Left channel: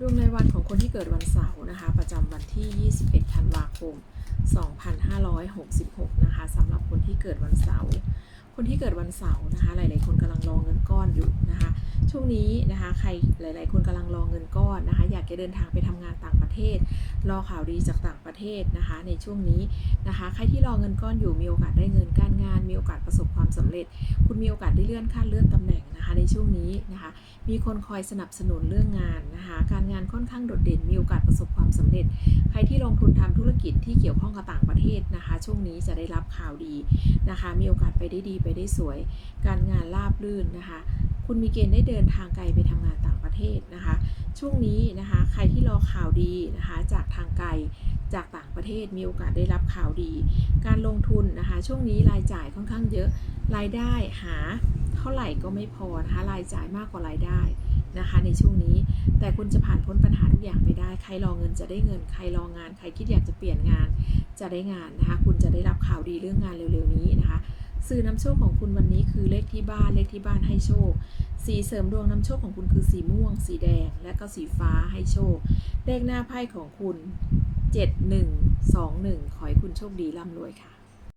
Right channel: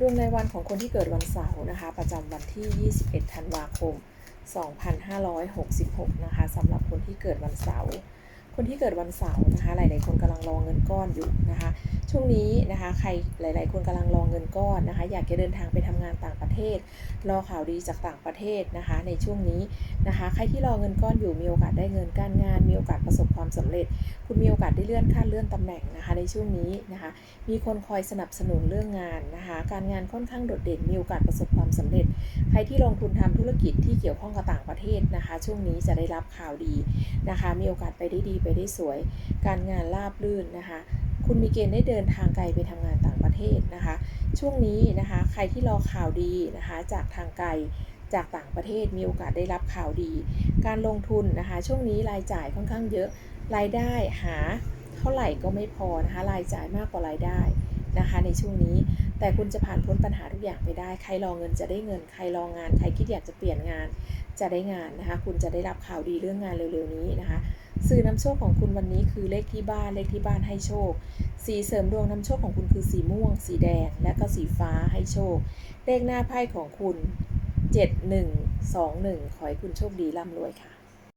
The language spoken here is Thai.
ดวงในวันของคนที่เกิดวันเสาร์นะคะ ประจำวันที่ 21 ธันวาคม 2566 นะคะสำหรับคนที่เกิดวันเสาร์คนที่เกิดวันเสาร์นะคะ หลาย ๆ คนกำลังรอเงินก้อนอยู่นะคะ ช่วงนี้นะคะใครหลาย ๆ คนกำลังรอเงินก้อนนะคะ อยากจะเดินทางไปทำงานต่างประเทศ รอข่าวดีจากต่างประเทศนะคะ ในช่วงนี้นะคะ ใครที่รอเงินก้อนอยู่มีโอกาสได้เงินการงาน มีโอกาสประสบความสำเร็จ คุณมีโอกาสได้เลื่อนขั้นเลื่อนตำแหน่งนะคะ ในช่วงนี้นะคะ มีคนคอยสนับสนุนเรื่องงานนะคะ การงานค่อนข้างโดดเด่น มีโอกาสประสบความสำเร็จ ใครที่ลงทุนทำธุรกิจที่เกี่ยวข้องกับต่างประเทศนะคะ ช่วงนี้จะได้รับข่าวดีนะคะ มีโอกาสไปได้ดีไปได้สวย การงานราบรื่นนะคะ คุณมีเกณฑ์ได้เดินทางไกลไปทำงานต่างประเทศนะคะ ช่วงนี้นะคะใครที่รอข่าวดีนะคะจากทางไกลจากต่างประเทศมีโอกาสได้รับข่าวดี การลงทุนนะคะ ช่วงนี้รายจ่ายค่อนข้างเยอะรายได้หาเท่าไหร่ก็ไม่พอนะคะรายจ่ายมากกว่ารายได้นะคะในช่วงนี้แต่คุณจะผ่านพ้นปัญหาทุกอย่างไปได้ ใครรอเงินจะได้เงิน ใครรองาน ใครคิดอยากจะเปลี่ยนงานจะได้งานนะคะ คุณจะได้รับข่าวดีเรื่องงานเร็วๆนี้นะคะ สื่อนำโชคของคุณวันนี้คือเลขที่บ้านเลขที่บ้านให้โชค สีเสริมดวงนำโชคของคุณคือสีม่วง สีแดง และก็สีฟ้าให้โชค เลขหน้าไพ่ของคุณ 7121 ขอให้คุณโชคดีร่ำรวยค่ะ